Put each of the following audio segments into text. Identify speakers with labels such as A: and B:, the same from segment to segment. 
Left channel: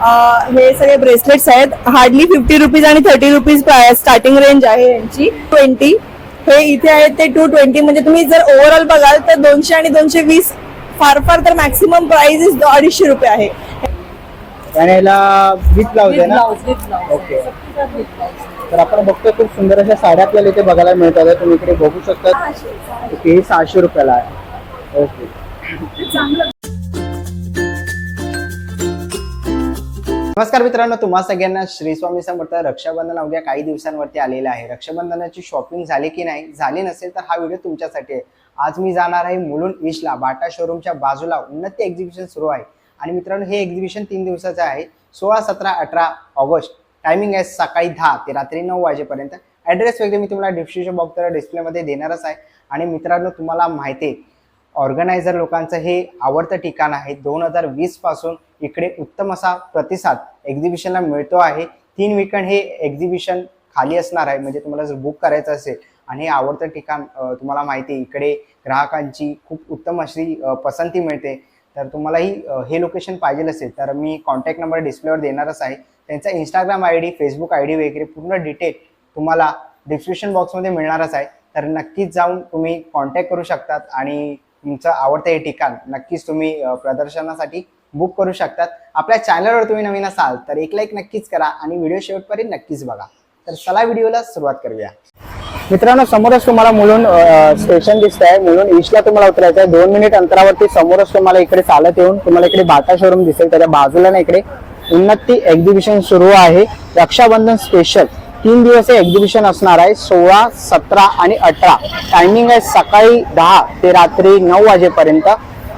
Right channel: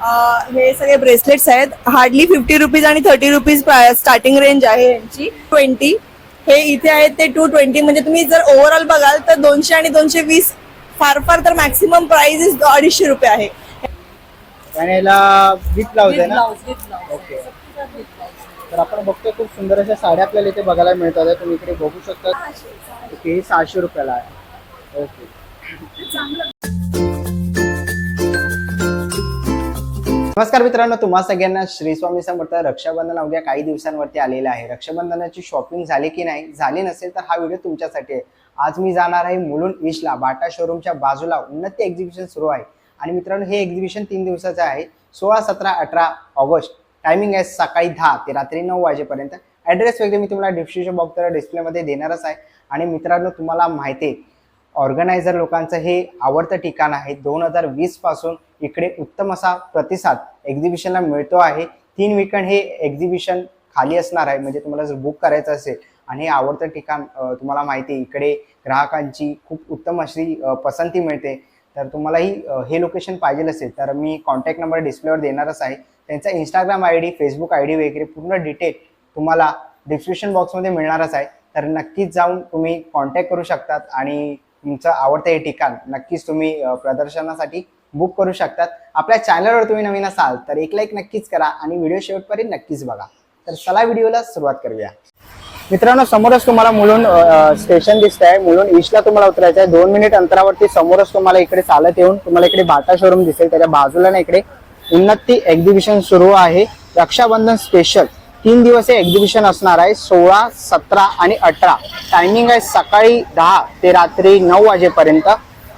A: हे सगळे ब्रेसलेट्स आहेत. हार्डली फिफ्टी रुपीज आणि थर्टी रुपीज स्टार्टिंग रेंज आहे यांची. ट्वेंटी हे इथे आहेत ते टू ट्वेंटी म्हणजे तुम्ही जर ओव्हरऑल बघाल तर दोनशे आणि दोनशे वीस फार फार तर मॅक्सिमम प्राइस इज अडीचशे रुपये आहे.
B: आणि याला विथ ब्लाउज आहे ना? ओके तर आपण बघतो खूप सुंदर अशा साड्या आपल्याला इथे बघायला मिळतात. तुम्ही इकडे बघू शकता. ओके ही सहाशे रुपयाला आहे. ओके नमस्कार मित्रांनो तुम्हा सगळ्यांना श्री स्वामी समर्थ रक्षाबंधन अवघ्या काही दिवसांवरती आलेलं आहे. रक्षाबंधनाची शॉपिंग झाली की नाही झाली नसेल तर हा व्हिडिओ तुमच्यासाठी आहे. आज मी जाणार आहे मुलुंड ईस्टला बाटा शोरूमच्या बाजूला उन्नती एक्झिबिशन सुरू आहे. आणि मित्रांनो हे एक्झिबिशन तीन दिवसाचं आहे सोळा सतरा अठरा ऑगस्ट. टायमिंग आहे सकाळी दहा ते रात्री नऊ वाजेपर्यंत. ॲड्रेस वगैरे मी तुम्हाला डिस्क्रिप्शन बॉक्स डिस्प्लेमध्ये देणारच आहे. आणि मित्रांनो तुम्हाला माहिती आहे ऑर्गनायझर लोकांचं हे आवडतं ठिकाण आहे. दोन हजार वीसपासून इकडे उत्तम असा प्रतिसाद एक्झिबिशनला मिळतो आहे. तीन वीकेंड हे एक्झिबिशन खाली असणार आहे. म्हणजे तुम्हाला जर बुक करायचं असेल आणि हे आवडतं ठिकाण तुम्हाला माहिती आहे इकडे ग्राहकांची खूप उत्तम अशी पसंती मिळते. तर तुम्हालाही हे लोकेशन पाहिजे असेल तर मी कॉन्टॅक्ट नंबर डिस्प्लेवर देणारच आहे. त्यांचा Instagram I D Facebook I D वगैरे पूर्ण डिटेल तुम्हाला डिस्क्रिप्शन बॉक्समध्ये मिळणारच आहे. तर नक्कीच जाऊन तुम्ही कॉन्टॅक्ट करू शकतात आणि तुमचं आवडतं हे ठिकाण नक्कीच तुम्ही प्रदर्शनासाठी बुक करू शकतात. आपल्या चॅनलवर तुम्ही नवीन असाल तर एक लाईक नक्कीच करा आणि व्हिडिओ शेवटपर्यंत नक्कीच बघा. तर चला व्हिडिओला सुरुवात करूया. मित्रांनो समोरच तुम्हाला मुलून स्टेशन दिसत आहे म्हणून ईस्टला तुम्हाला उतरायचं आहे दोन मिनिट अंतरावरती समोरच तुम्हाला इकडे चालत येऊन तुम्हाला इकडे बाटा शोरूम दिसेल. त्याच्या बाजूला ना इकडे उन्नती एक्झिबिशन सुरू आहे. रक्षाबंधन स्पेशल तीन दिवस हे एक्झिबिशन असणार आहे. सोळा सतरा आणि अठरा. टायमिंग आहे सकाळी दहा ते रात्री नऊ वाजेपर्यंत.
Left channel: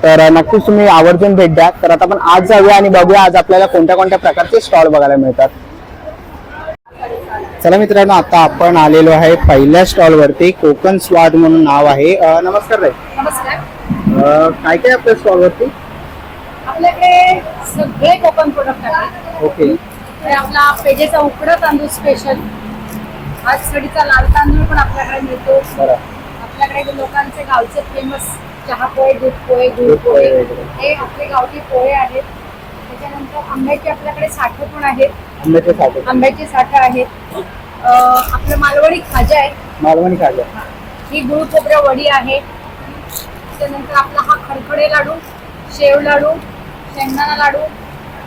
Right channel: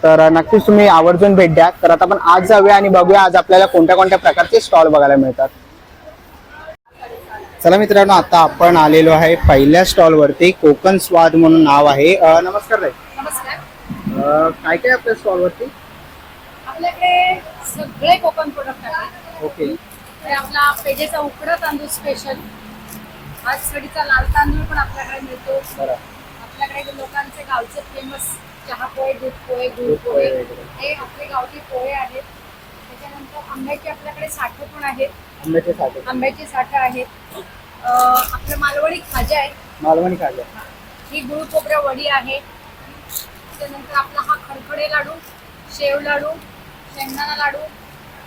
B: तर नक्कीच तुम्ही आवर्जून भेट द्या. तर आता आपण आज जाऊया आणि बघूया आज आपल्याला कोणत्या कोणत्या प्रकारचे स्टॉल बघायला मिळतात. चला मित्रांनो आता आपण आलेलो आहे पहिल्या स्टॉल वरती. कोकण स्वाद म्हणून नाव आहे. अं, नमस्कार ताई.
C: नमस्कार.
B: काय काय आपल्या स्टॉल वरती?
C: आपल्याकडे सगळे कोकण प्रोडक्ट आहेत.
B: ओके.
C: तर आपला पेजेचा उकडा तांदूळ स्पेशल आज सडीचा लाल तांदूळ पण आपल्याकडे मिळतो.
B: बरं.
C: आपल्याकडे लोकांचे गावचे फेमस चहा पोहे दूध पोहे दूध
B: पोहे.
C: हे आपले गावठी पोहे आहेत. त्याच्यानंतर आंब्याचे आपल्याकडे साठे पण आहेत.
B: आंब्याचे साठे.
C: आहेत. आपलं मालवणी खाजा आहे.
B: मालवणी खाल्लं
C: ही. गुळ खोबऱ्या वडी आहे. त्यानंतर आपला हा खडखडे लाडू शेव लाडू शेंगदाणा लाडू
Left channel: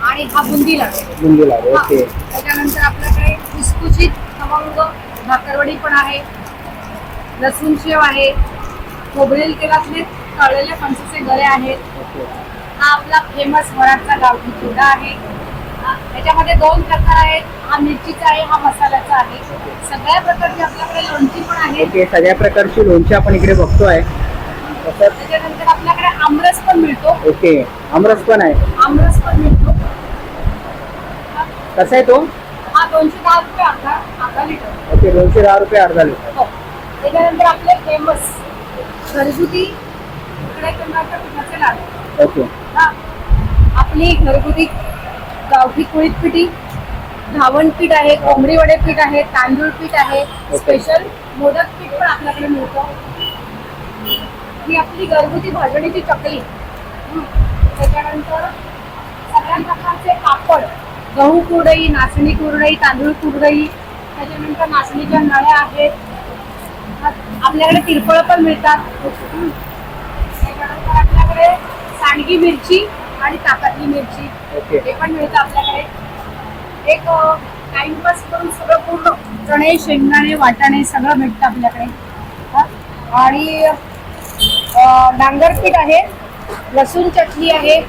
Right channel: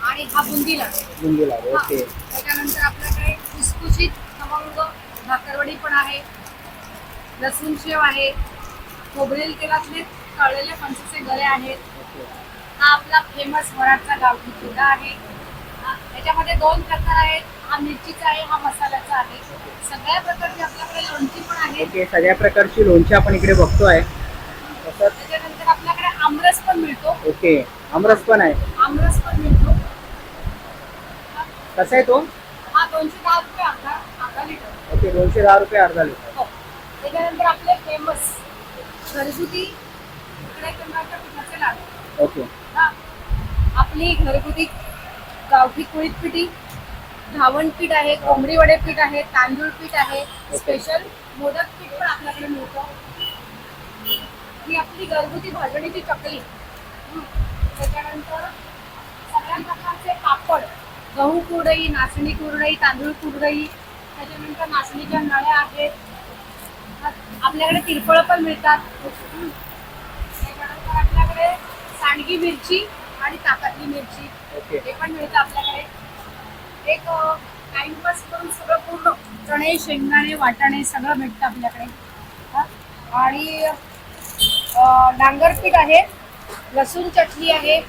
C: आणि हा बुंदी लाडू.
B: बुंदी लाडू. ओके.
C: त्याच्यानंतर आपल्याकडे खुसखुशीत खमंग भाकरवडी पण आहे. लसूण शेव आहे. खोबरेल तेलातले तळलेले पंचाचे गरे आहेत. हा आपला फेमस वराडचा गावठी चिवडा आहे. त्याच्यामध्ये दोन प्रकार आहेत. हा मिरचीचा आहे हा मसाल्याचा आहे. सगळ्या प्रकारची आपल्याकडे लोणची पण आहे.
B: ओके सगळ्या प्रकारची लोणची आपण इकडे बघतोय तसंच
C: त्याच्यानंतर आपल्याकडे आमरस पण मिळतो.
B: ओके आमरस पण आहे.
C: आमरस पण मिळतो.
B: कसा आहे तो?
C: हा दोनशे दहा रुपये अर्धा अर्धा लिटर.
B: ओके दोनशे दहा रुपये अर्धा लिटर.
C: हो. त्याच्यानंतर आपले फेमस घरगुती
B: ओके.
C: आपली घरगुती गावठी कुळीत पिठी घावण पीठ आहे कोंबडी वडे पीठ आहे तांदूळ पीठ आहे. स्पेशल मोदक पीठ पण आपल्याकडे मिळतं. ही आपली घरगुती भाजणीची चकली. त्याच्यानंतर सगळ्या प्रकारचे पापड. गहू कुरडई नाचणी कुरडई तांदूळ कुरडई. त्याच्यानंतर नाचणीच्या नळ्या आहेत. आपल्याकडे तिरफळ पण मिळतात. सांडगी मिरची आणि ताकातली मिरची.
B: ओके.
C: हे पण मिळतं आपल्याकडे. एक टाइमपास करून सगळं पूर्ण चणे शेंगदाणे वाटाणे सगळं भेटतं आपल्याकडे. आणि डांगरपीठ आहे लसूण चटणी आहे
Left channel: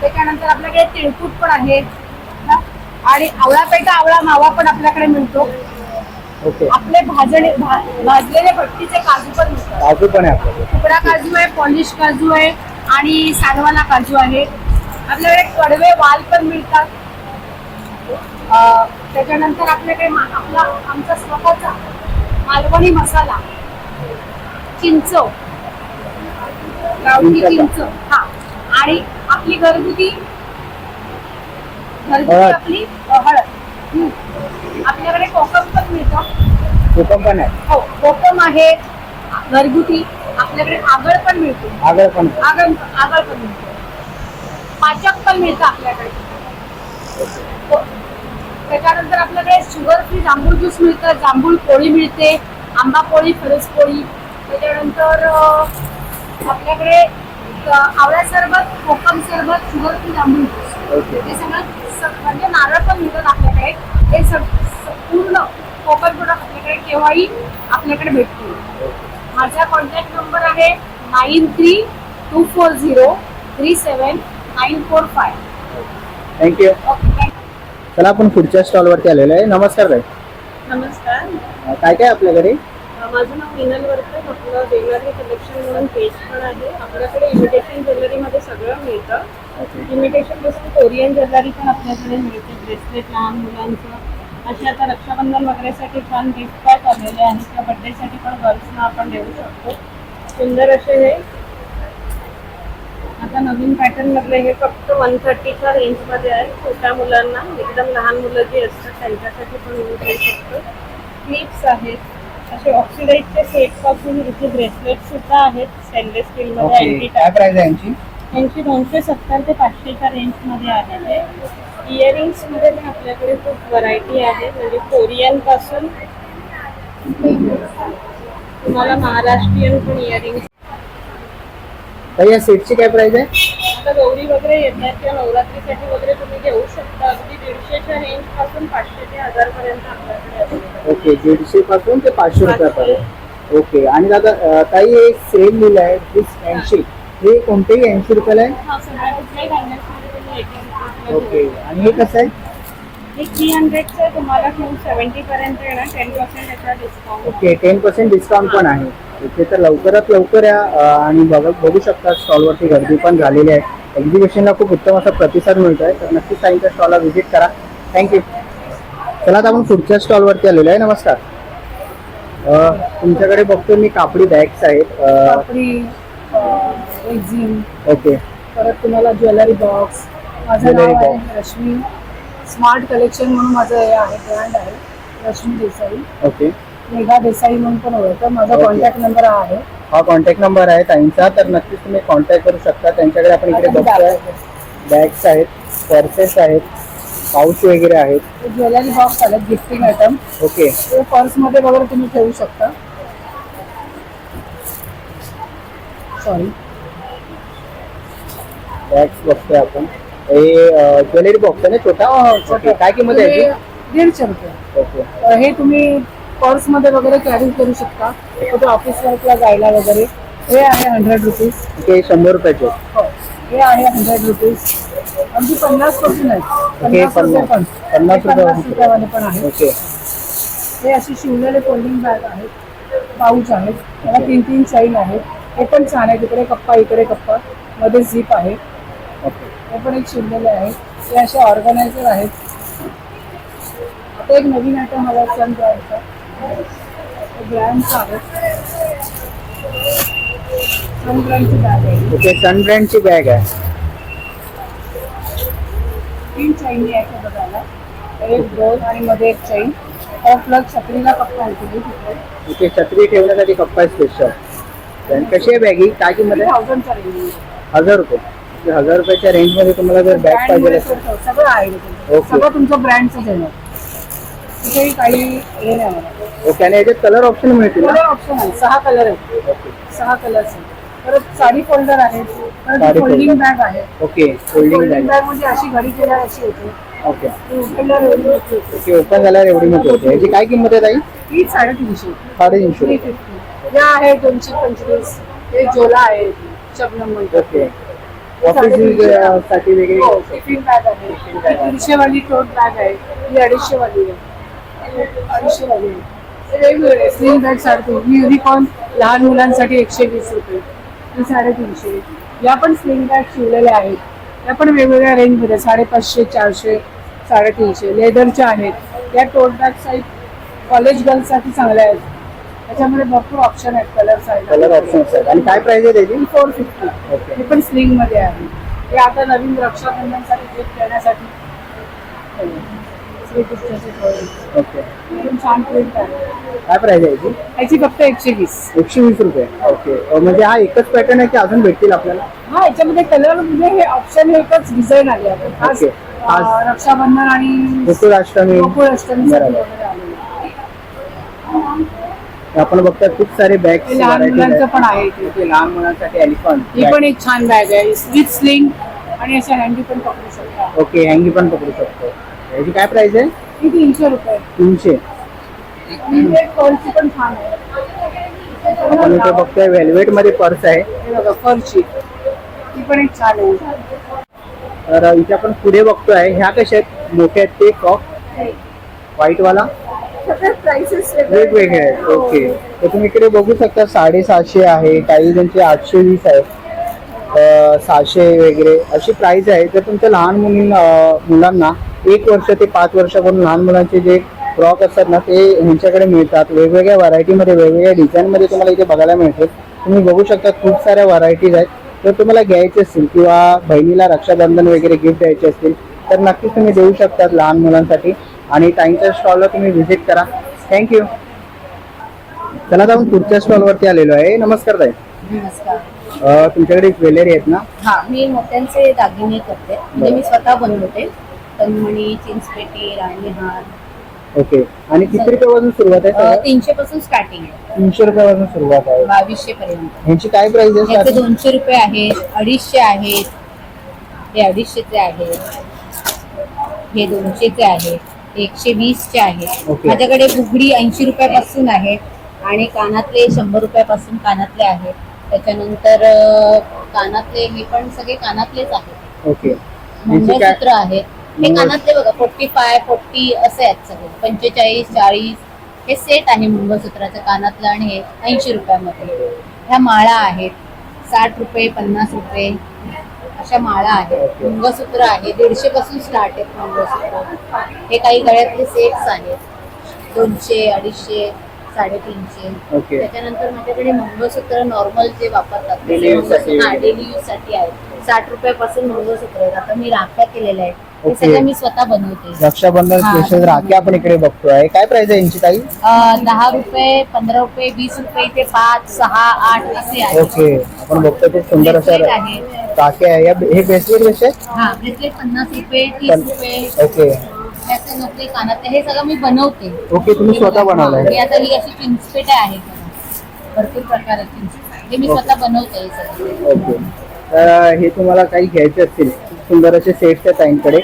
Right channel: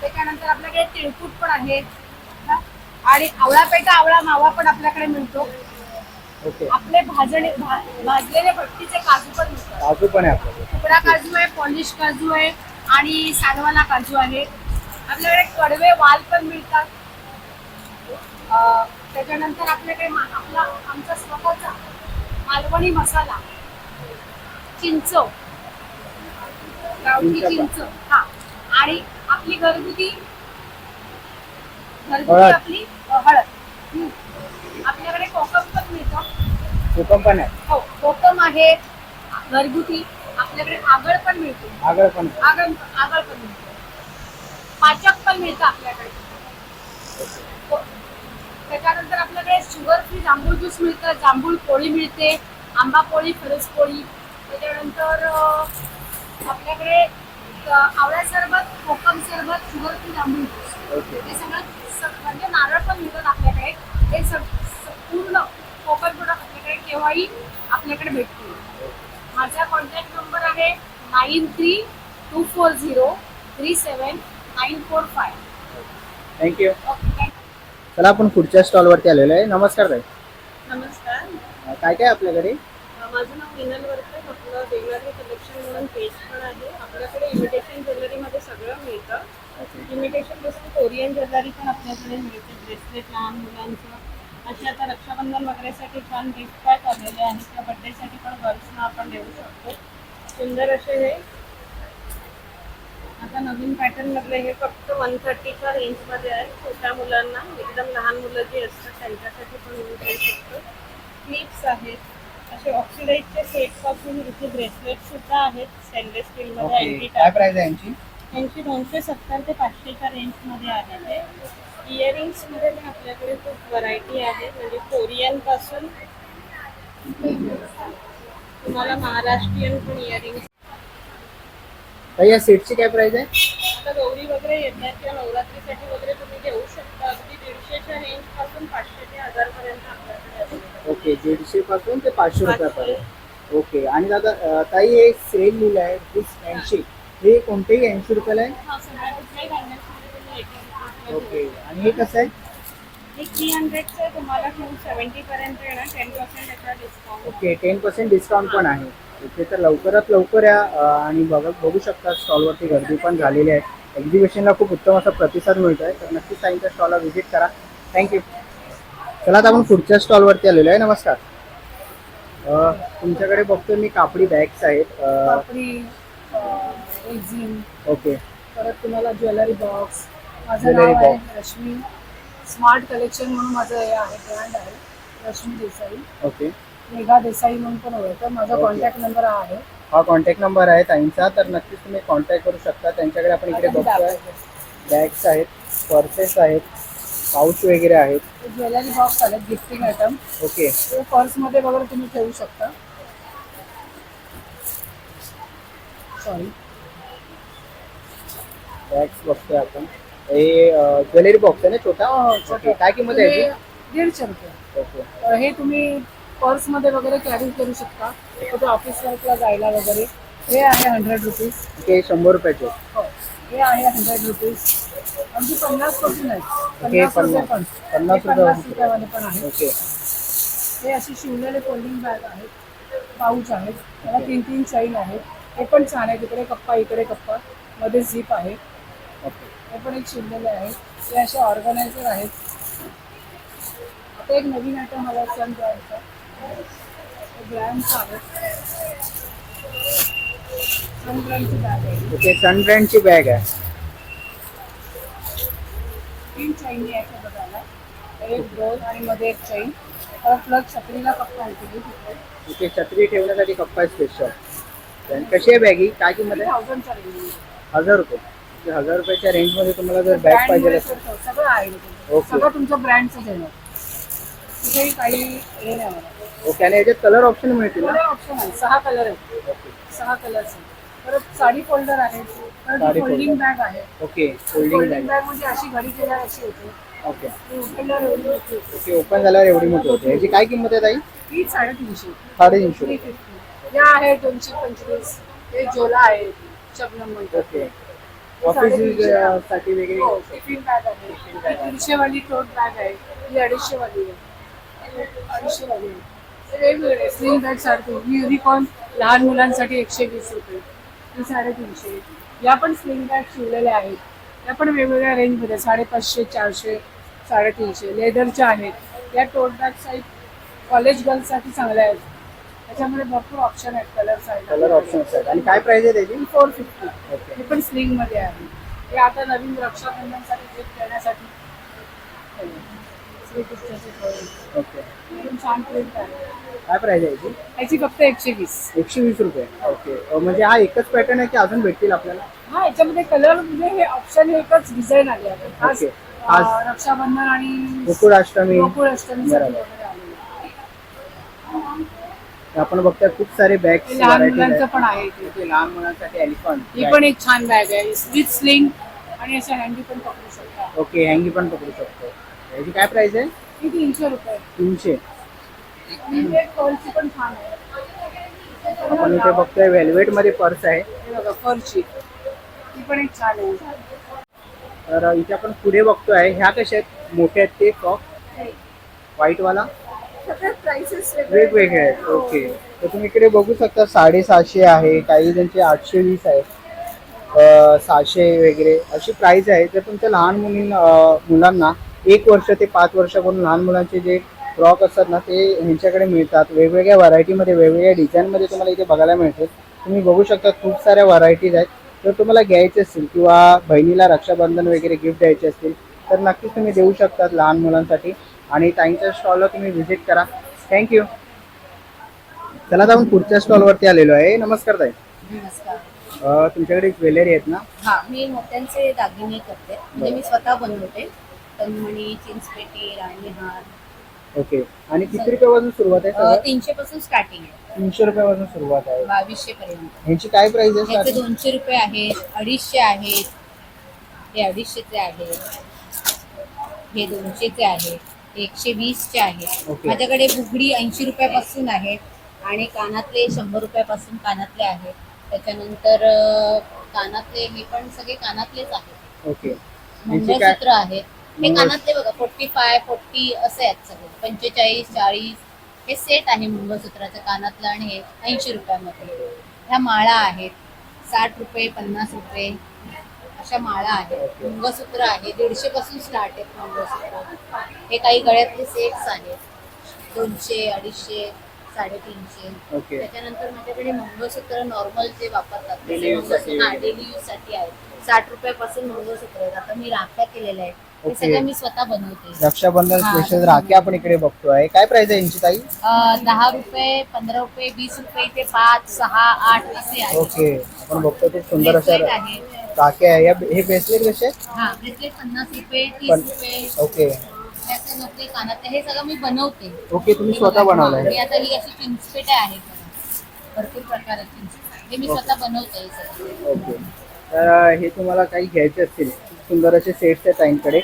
C: त्याच्यानंतर आपल्याकडे तिळकूट पण आहे. आणि आवळा पेटा आवळा मावा पण आपल्याकडे मिळतो. आपले भाजणे भाजलेले भट्टीचे काजू पण मिळतात.
B: काजू पण आहे
C: तुकडा काजू आहे पॉलिश काजू आहे आणि सागवाला काजू आहे. आपल्याकडे कडवे वाल पण मिळतात. त्याच्यानंतर आपल्याकडे आपला आमचा स्वतःचा मालवणी मसाला. चिंच गावठी. चिंच हा. आणि आपली घरगुती घरगुती. आपली हळद. आपल्याकडे कोकम पण मिळतं.
B: कोकम पण आहे.
C: हो कोकम आहे घरगुती. आपल्याकडे आगळ पण मिळतो.
B: आगळ पण.
C: आगळ आगळ पण मिळतो. पाचक पण मिळतं आपल्याकडे.
D: त्याच्यानंतर आपल्याकडे शुगर फ्री जांभूळ ज्यूस मिळतं जांभूळ पोळी मिळते आंबा पोळी फरस पोळी. त्याच्यानंतर आपल्याकडे अं, आवळा सरबत कोकम सरबत शुगर फ्री जांभूळ ज्यूस हे सगळं म्हणजे नारळ पण मिळतात आपल्याकडे. हे पूर्ण कोकण प्रोडक्ट आपल्याकडे केव्हाही आपल्याकडे भेटतील. माझा कॉन्टॅक्ट नंबर आहे nine three two four zero three seven nine four five
B: thank you
D: okay
B: चला आपण पुढच्या स्टॉलवरती आलेलो आहे. नमस्कार ताई.
E: नमस्कार.
B: अं, काय काय आपल्याकडे
E: अ, माझं नाव मिनल वर्कर आपलं ज्वेलरी कलेक्शन म्हणून पेज पण आहे. आपल्याकडे इमिटेशन ज्वेलरीमध्ये सगळं मिळतं. इमिटेशनपासून कोरियन ज्वेलरी पण आपल्याकडे मिळते. ब्रेसलेट लहान मुलांचं. असे आता रक्षाबंधन वगैरेसाठी छान गिफ्ट आलेले आहेत त्या बड्डेसाठी पण गर्ल्सना आपण देऊ शकतो. सुंदर असे हे. आता नवीन पॅटर्न मधले हे फक्त वन थर्टीच्या रेंजमध्ये आहे. छोट्या मुलांना एकदम लहान मुलं जी असतात त्यांच्यासाठी पण यूज होऊ शकतो. क्लिप्स आहेत. असे ऑक्सिडाईजचे सेटपासून इथे ब्रेसलेट सुद्धा आहेत. स्टेनलेस स्टील मध्ये
B: ओके
E: अँटी
B: काय प्राइस आहे यांची?
E: यांची दोनशे सत्तर ते पाचशेच्या रेंजमध्ये ते इयरिंग्समध्ये पण आपल्याकडे खूप व्हरायटी आहे. म्हणजे कोरियनपासून तुम्हाला महाराष्ट्रीयन पण इयरिंग्स
B: ताई या सेटची काय प्राइस आहे?
E: आता गौरी वगैरे येतात किंवा नवरात्रीसाठी वगैरे तुम्ही घेऊ शकता. अगदी दीडशेच्या रेंजपासून पाचशे ते हजार पर्यंत आपल्याकडे
B: ओके दीडशे पासून ते पाचशे रुपयापर्यंत. ओके आणि दादा अं, ताई हे सेल लिहिलं आहे ऐंशी हे कोणतेही ऐंशी रुपयाला आहे?
E: हा सगळ्या कुठल्याही बँगल्समध्ये तुम्ही एटी
B: ओके आणि हे कसं आहे?
E: हे थ्री हंड्रेडचं तुम्हाला टू सेवन्टी पर्यंत येणार टेन पर्सेंट याचा discount
B: okay ten percent discount पण आहे. ओके तर लवकरात लवकर या आणि बघ बघू शकता स्टॉलवरती गर्दी पण झालेली आहे. एक्झिबिशनला खूप उत्तम असा प्रतिसाद मिळत आहे तर नक्कीच ताईंच्या स्टॉलला व्हिजिट करा. थँक्यू चला आता आपण पुढच्या स्टॉलवरती आलेलो आहे. नमस्कार. अं, तुमच्याकडे बघतो मी कापडी बॅग्स आहेत. ओके
C: परत तुम्हाला ज्वेलरी बॉक्स माझं नाव आहे रश्मी. स्मार्ट कलेक्शन म्हणून माझं हे आहे ब्रँड आहे रश्मी देसाई.
B: ओके.
C: मेघा देसाई म्हणून पण ओळखतं. माझा
B: Okay.
C: कॉन्टॅक्ट नंबर आहे.
B: हा कॉन्टॅक्ट नंबर आहे ताईंचा तर नक्कीच तुम्ही कॉन्टॅक्ट करू शकता. त्यांच्याकडे आपण इकडे बघतोय. बॅग्स आहेत. पर्सेस आहेत पाऊच वगैरे आहेत.
C: ज्वेलरी बॉक्स आले गिफ्टिंग आयटम
B: ओके.
C: ते पर्समध्ये वगैरे तुम्ही ठेवू शकता. सॉरी
B: बॅग्स बघतोय आपण. हे ज्वेलरी बॉक्स आहे ना छोटा? ओके काय किंमत आहे याची?
C: दीडशे रुपये.
B: ओके.
C: हे तुम्ही पर्समध्ये वगैरे कॅरी करू शकता. कुठे ऑफिस वर्कला जायला वगैरे. हे आहे हंड्रेड रुपीज
B: ते शंभर रुपयाचे.
C: हो. हे आहे हंड्रेड रुपीज अगदी पन्नासपासून आहे. पन्नास रुपये पण.
B: पन्नास रुपये
C: पन्नास रुपयावाले पण आहे.
B: ओके.
C: हे असे शिवलेले फोल्डिंग बॅग आहेत पाऊच आहेत त्याला तीन तीन चैन आहेत. हे पण छान आहे. तिकडे कप्पा इकडे कप्पा. मध्ये झीप आहे. हे पण एक शिवलेले आहेत हे असे ऑर्गनायझर आहेत. आता एक नवीन आयटम हवा सन ब्रँडचा ब्रँडचा आहे. सन ब्रँडची बॅग आहे.
B: ओके सन ब्रँडची बॅग आहे.
C: तीन चैनी आहेत हे बघायला. एक दोन आणि मध्ये एक चैन प्लग छत्रीला कप्पा आहे तुम्ही
B: ओके छत्री ठेवण्यासाठी कप्पा स्पेशल कशी आहे बॅगी काय किंमत आहे?
C: थाउजंडचा रेंज
B: हजार रुपये. हजार रुपयाच्या रेंजमध्ये तुम्हाला जर बॅग पाहिजे असेल.
C: सगळं आहे इथे. सगळं तुमचं ब्रँडचं तिथेही काही हे नाही
B: ओके आणि याच्यात कलर ऑप्शन मिळतील ना?
C: कलर ऑप्शन आहे. सहा कलर आहेत. सहा कलर्स आहेत. परत साडी फोल्डर आहे.
B: साडी
C: परत फोल्डिंग
B: folder.
C: बॅग आहे.
B: Okay folding
C: folding
B: bag
C: bag म्हणजे अशी घडी केल्यावर अशी होते
B: ओके
C: ती उचलल्यावर एवढी होती.
B: ओके ओपन झाल्यावर एवढी मोठी होते. याची काय किंमत आहे ताई?
C: ही साडेतीनशे.
B: साडेतीनशे.
C: थ्री
B: रुपये
C: फिफ्टी हे आहे दोनशे पंचवीस. हे झोला आहे. शबनम
B: ओके ऑफिससाठी वगैरे
C: हो टिफिन बॅग आहे. ही दीडशे वाली टोट बॅग आहे. ही अडीचशे वाली आहे. अडीचशे वाली आहे. हे वेगवेगळे. स्लिंग बॅग साडेतीन ही युनिकॉर्न लहान मुलांसाठी एकशे वीस रुपये. ही साडेतीनशे. या पण स्लिंग बॅग शिवलेल्या आहेत. या पण वेगवेगळ्या रेंजमध्ये साडेपाचशे चारशे साडेतीनशे. लेदरच्या आहेत. या टोट बॅग साईज कॉलेज गर्ल्ससाठी चांगल्या आहेत. त्याच्यामध्ये भरपूर ऑप्शन आहेत कलर
B: कलर ऑप्शन आहेत. आणि काय प्राइस आहे त्याची?
C: फोर फिफ्टी
B: ओके
C: हे पण स्लिंगमध्ये आहे. हे आता नवीन रक्षाबंधनसाठी गिफ्ट देण्यासाठी
F: श्रीकृष्णाचे पोळे
B: ओके
F: एकदम छान प्रिंट आहे.
B: काय प्राइस आहे याची?
F: याची फक्त एकशे वीस.
B: एकशे वीस रुपये. ओके अं, म्हणजे हा एकच पॅटर्न आहे की अजून भेटतील आपल्याला?
F: हा याच्यामध्ये कलर म्हणजे हे ऑप्शन हे एकच डिझाईन आले आहे. खास
B: Okay.
F: अं, रक्षाबंधन आणि
B: गोकुळाष्टमी
F: गोकुळाष्टमीसाठी
B: बरोबर.
F: आलेले आहे.
B: आपण बघता खूप सारे बॅग
F: लहान मुलांचं पण आहे इथे.
B: लहान मुलांसाठी एलिफंट
F: ही पण एक छान बॅग आहे. विथ स्लिंग आणि अशा हँडी पण पकडू शकता.
B: ओके हँगी पण पकडू शकतो. याची काय प्राइस आहे?
F: ही तीनशे रुपये.
B: तीनशे.
F: पर्सची पण छान आहे.
B: आपण इथे बघतोय वेल्वेटमध्ये पर्स आहे.
F: हे बघा फरची ती पण एक छान आहे.
B: तर इथे आपण पुढे बघतोय ह्या कशा आहेत? मोठ्या आहेत ते कॉक व्हाईट वाला.
F: सगळे प्राइसेस
B: वेगवेगळे आहेत. ओके तर तुम्ही इकडे बघू शकता साडेसातशे आहे. काही जणचे आठशे वीस आहे. सहाशे वगैरे अशी प्राइस आहे. जर तुमच्या लहान मुली मुलांना एक वर्ष ते पाच वर्षाकडून लहान मुलांचे जे फ्रॉक असतात ना ते ह्यांच्याकडे मिळतात. वेगवेगळ्या व्हरायटीमध्ये वेगवेगळ्या डिझाईनमध्ये तुम्हाला इथे बघायला मिळते. तुम्ही बघू शकता खूप साऱ्या व्हरायटीज आहेत. तर तुम्हाला घ्यायचे असतील किंवा बहिणीला रक्षाबंधन वगैरे गिफ्ट द्यायचे असतील तर नक्कीच तुम्ही देऊ शकतात लहान मुलांसाठी. आणि टाईमच्या स्टॉलला तुम्ही व्हिजिट करा. थँक्यू चला आता आपण पुढच्या स्टॉलवरती आलेलो आहे. नमस्कार ताई.
F: नमस्कार.
B: अं, तुमच्याकडे ज्वेलरी आहेत ना?
F: हा मी मोत्यांचे दागिने करते. म्हणजे मी स्वतः बनवते. तन्मणी चिंचपेटी राणी हार
B: ओके. आणि किती रुपयापासून सुरुवात आहे?
F: तीनशे पासून स्टार्टिंग आहे.
B: तीनशे रुपयापासून सुरुवात आहे.
F: बावीसशे पर्यंत.
B: ह्यांची काय प्राइस आहे
F: याचे
B: starting?
F: दोनशे रुपये आहेत अडीचशे आहेत. हे अडीचशेचे आहेत. हे दोनशेचे आहेत. एकशे वीसचे आहेत
B: Okay.
F: माझ्याकडे बुगडी ऐंशी रुपयापासून आहे आणि कानातले शंभर रुपयापासून कानातले आहेत त्याच्यानंतर अं, कानातले हे पण सगळे कानातलेच आहेत
B: ओके. ह्यांची काय?
F: मंगळसूत्र आहेत हे
B: मंगळ-
F: कानातले बघा फोर्टी फाय फोर्टी असे आहेत सगळे. पंचेचाळीस चाळीस हे सेट आहे मंगळसूत्राचं कानातलं आणि हे ऐंशी रुपयामध्ये. ह्या माळा आहेत. साठ रुपये पन्नास रुपये. अशा माळा आहेत. मंगळसूत्र आहे. दीडशे पासून स्टार्ट आहेत मंगळसूत्र हे काही गळ्यातले सेट्स आहेत. दोनशे अडीचशे साडेतीनशे.
B: ओके.
F: त्याच्यानंतर माझ्याकडे मंगळसूत्र नॉर्मल जे वापरतात
B: साठी.
F: डेली यूजसाठी आहेत. साठ रुपयापासून मंगळसूत्र आहेत. आता मी राख्या केलेल्या आहेत. हे
B: Okay.
F: सगळं मी स्वतः बनवते.
B: रक्षाबंधन
F: हा.
B: स्पेशल राखी आपण इकडे बघतोय. काय प्राइस आहे यांची ताई?
F: अं, दहा रुपये पंधरा रुपये वीस रुपये ते पाच सहा आठ असे आहेत.
B: ओके. आपण बघतोय खूप सुंदर असं
F: आहे.
B: राखी आहे या- हे ब्रेसलेट कसे आहेत?
F: हा ब्रेसलेट पन्नास रुपये तीस
B: पण-
F: रुपये.
B: ओके.
F: त्याचे नोकरी कानातले हे सगळं मी बनवते.
B: ओके तुम्ही स्वतः
F: हा,
B: बनवलंय.
F: मी आता ही अशी आहेत भरपूर प्रकार हे मी. स्वतः बनवते हे सगळं.
B: ओके. तर हे तुम्हाला काही घ्यायचे असतील. खूप सुंदर असे सेट्स आहेत ताईंकडे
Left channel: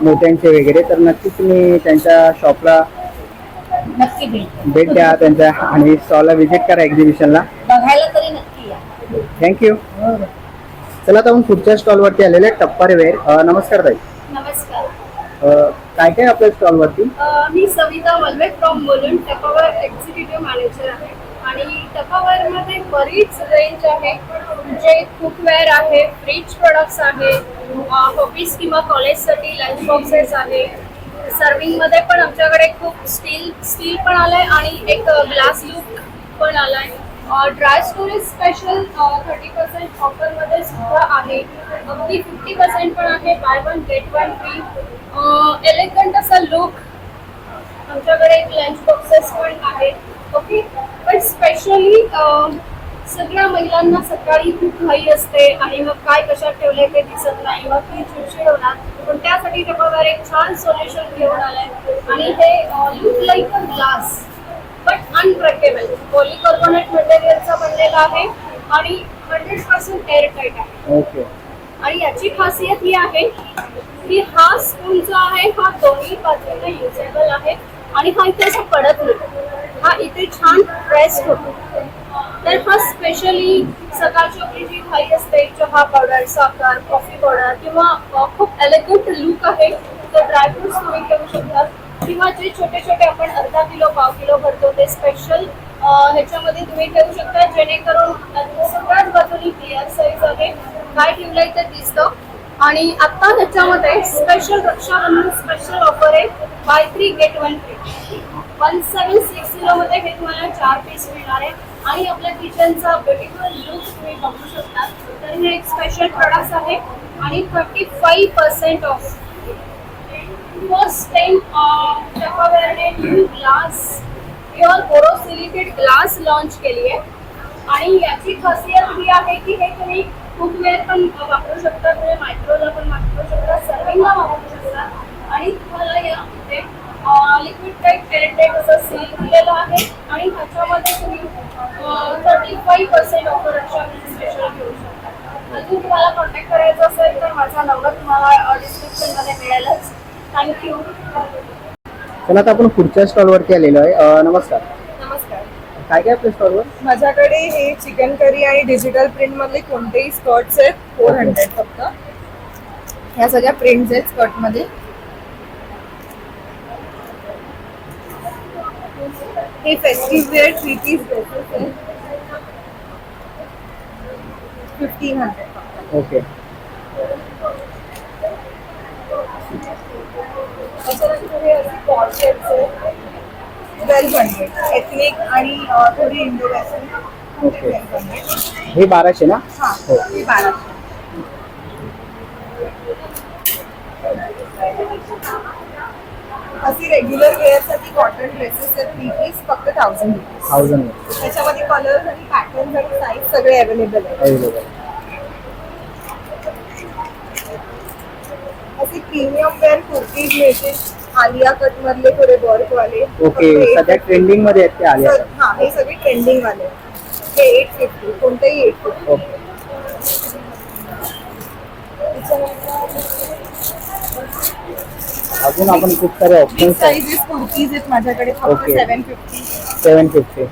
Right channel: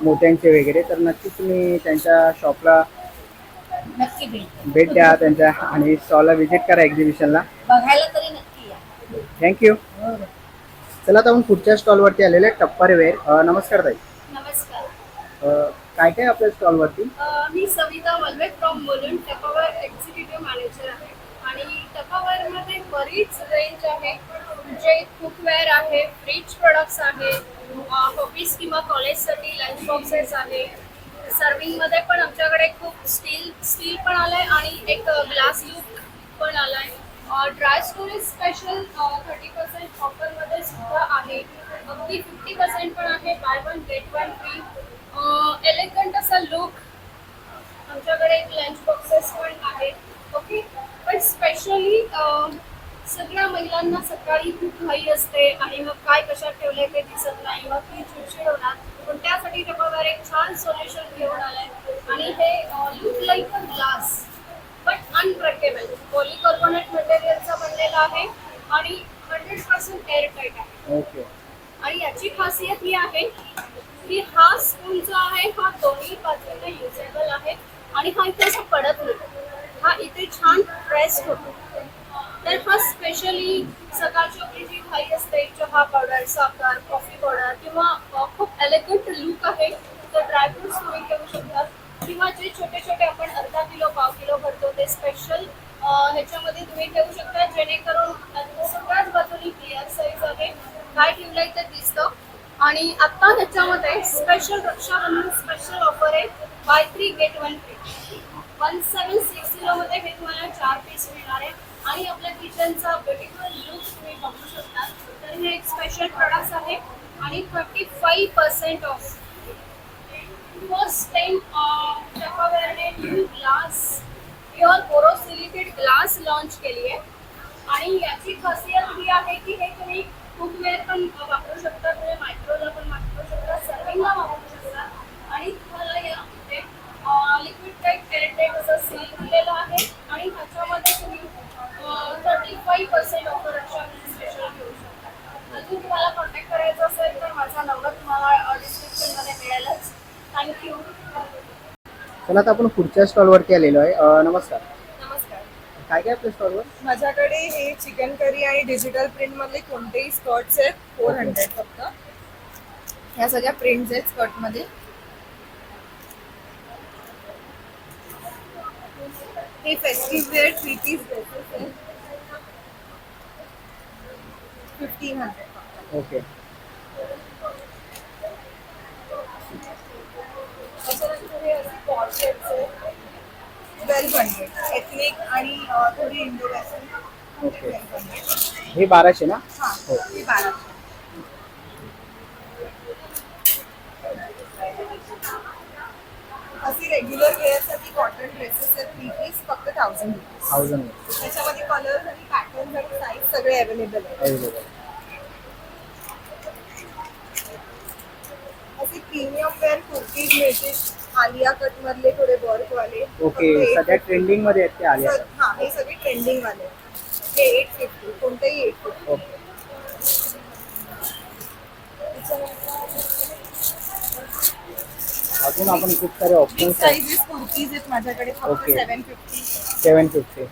B: मोत्यांचे वगैरे. तर नक्कीच तुम्ही त्यांच्या शॉपला
F: नक्की भेट.
B: भेट द्या. त्यांच्या आणि स्टॉलला व्हिजिट करा एक्झिबिशनला
F: बघायला तरी नक्की या.
B: थँक्यू चला आता आपण पुढच्या स्टॉलवरती आलेले टप्पर वेअर अं, नमस्कार ताई.
E: नमस्कार.
B: काय काय आपल्या स्टॉलवरती
E: मी सविता वल्वे फ्रॉम बोलून टपावर एक्झिक्युटिव्ह मॅनेजर आहे. आणि टपावर मध्ये बरीच रेंज आहे. म्हणजे कुकवेअर आहे फ्रीज प्रोडक्ट्स आहे ऑफिस किंवा कॉलेजसाठी लंच बॉक्सेस आहे. सर्विंगमध्ये पण आमच्याकडे खूप स्टील स्टील पण आलंय आणि एक ग्लास लूक पण आलाय. Dry storage special thirty percent ऑफरमध्ये सुद्धा आहे. अगदी फिफ्टी पर्सेंट पण आहे. Buy one get one free elegant असा लुक आमच्याकडे लंच बॉक्सेस पण आहेत. ओके पण स्पेशली सगळ्या महिलांना सकाळी खूप घाई असते. आणि मग काय कशात ठेवलंय ते दिसत नाही. मग ती चिडचिड होणार पण त्यासाठी टपावर एक छान सोल्युशन घेऊन आलंय. आणि हे look like a glass but unbreakable polycarbonate मटेरियलचा बनलेला आहे. आणि हंड्रेड पर्सेंट एअर टाईट आहे.
B: ओके
E: आणि याची खासियत ही आहे की हा स्पून जो आहे हा दोन्ही बाजूला युजेबल आहे आणि हा इथे असा पडत नाही. हा इथे छान प्रेस होतो. तर हा स्पेशली सकाळची आपली जी घाई असते चहा पावडर साखर कॉफी पावडर किंवा खूप एलिगंट लुक आहे तर ड्रायफ्रुट्स तुम्ही घेऊ शकता. किंवा जे छोटे छोटे आपण अर्धा किलो पाव किलो भरतो ते स्पेशल ह्याच्यामध्ये तुम्ही ठेवू शकता. जेणेकरून सगळ्याच बाजूनी क्लिअर साईज आहे. काय ठेवलंय ते दिसतं. आणि आता ह्याच्यामध्ये स्पेशल रक्षाबंधन स्पेशल ऑफर आहे. Buy three get one free one seven six zero मध्ये हे तुम्हाला चार पीस मिळणार आहे. आणि आपल्या किचनचा ब्युटिफुल लुक तुम्ही बघू शकता. तर हे एक स्पेशल प्रोडक्ट आहे. आणि thirty five percent off first time
G: ॲक्वावेअरने new glass pure borosilicate glass launch केली आहे. आणि याची खासियत ही आहे की हे तुम्ही कुकवेअर पण वापरू शकता तुम्ही म्हणजे मायक्रोला पण वापरू शकता सर्विंगला वापरू शकता आणि तुम्हाला यामध्ये लिक्विड टाईप टेरेटेक असं सील दिलेलं आहे. आणि ह्याच्यामध्ये तुम्ही थर्टी फाईव्ह पर्सेंट ऑफर अशा स्पेशल घेऊ शकता. अजून तुम्हाला कॉन्टॅक्ट करायचा असेल तर माझा नंबर तुम्हाला डिस्क्रिप्शनमध्ये मिळेलच. थँक्यू
B: चला आता आपण पुढच्या स्टॉलवरती आलेलो आहे. नमस्कार. काय काय आपल्या स्टॉलवर
H: माझ्याकडे हे चिकन करी आणि डिजिटल प्रिंट मधले कोणतेही स्कर्ट्स आहेत फोर हंड्रेड फक्त. ह्या सगळ्या प्रिंट्स आहेत स्कर्टमध्ये हे festive wear three piece dresses आहेत. Fifteen hundred
B: okay.
H: त्याच्यानंतर हे असे पॉट शेप्स आहेत ट्वेल्व हंड्रेड एथनिक आणि थोडी Indo western
B: okay
H: twelve hundred
B: हे बाराशे ना?
H: हा
B: हो.
H: हे बाराशे. रेग्युलर वेअरसाठी कॉटन ड्रेसेस आहेत थ्री पीस फक्त थाउजंड रुपीज
B: थाउजंड
H: त्याच्यामध्ये आणि पॅटर्न आणि साईज सगळे अवेलेबल आहेत.
B: अवेलेबल
H: असे प्रीमियम वेअर कुर्तीज मिळतील. आलिया कट मधले थोडे वर्क वाले
B: ओके सध्या
H: 850.
B: ट्रेंडिंगमध्ये आहेत ते आले
H: सर, हा हे सगळे ट्रेंडिंग वाले हे एट फिफ्टी कोणतेही एट फिफ्टी
B: ओके. अजून आपण खूप सारे
H: बिग
B: ऑप्शन्स
H: साईजेस कुर्तीज आहेत माझ्याकडे फक्त
B: Okay.
H: Seven fifty
B: seven fifty